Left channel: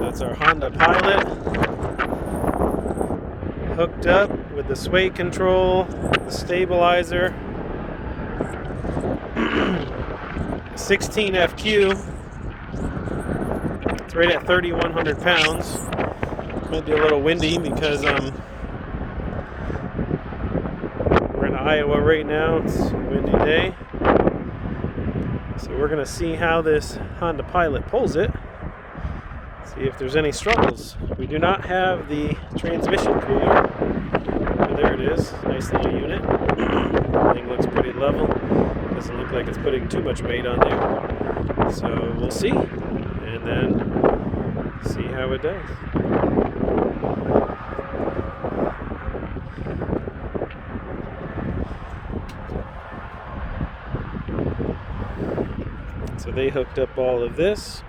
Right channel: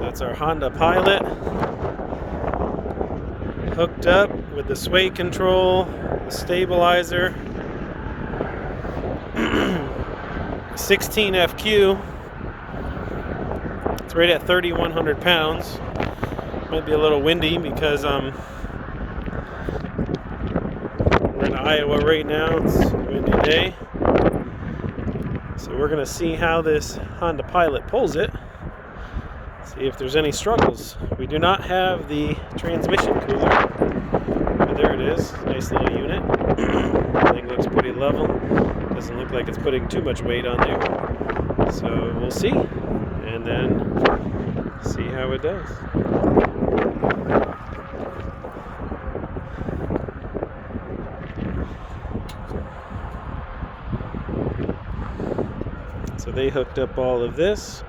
That's our Honda Pilot, hooked up with the sway control, the stabilizer, 16 FQ. It's right at 3,100 pounds. Might be a little windy because we're in Iowa right now. It's a windy day. So we're gonna see how this Honda Pilot pulls it. See if there's any struggles. We do not have the transmission cooler. But there it is. Nice little unit. Everything looks pretty level. Doesn't look like it's putting too much weight on there. So we'll see. And then see how it does. So they hooked up all of this.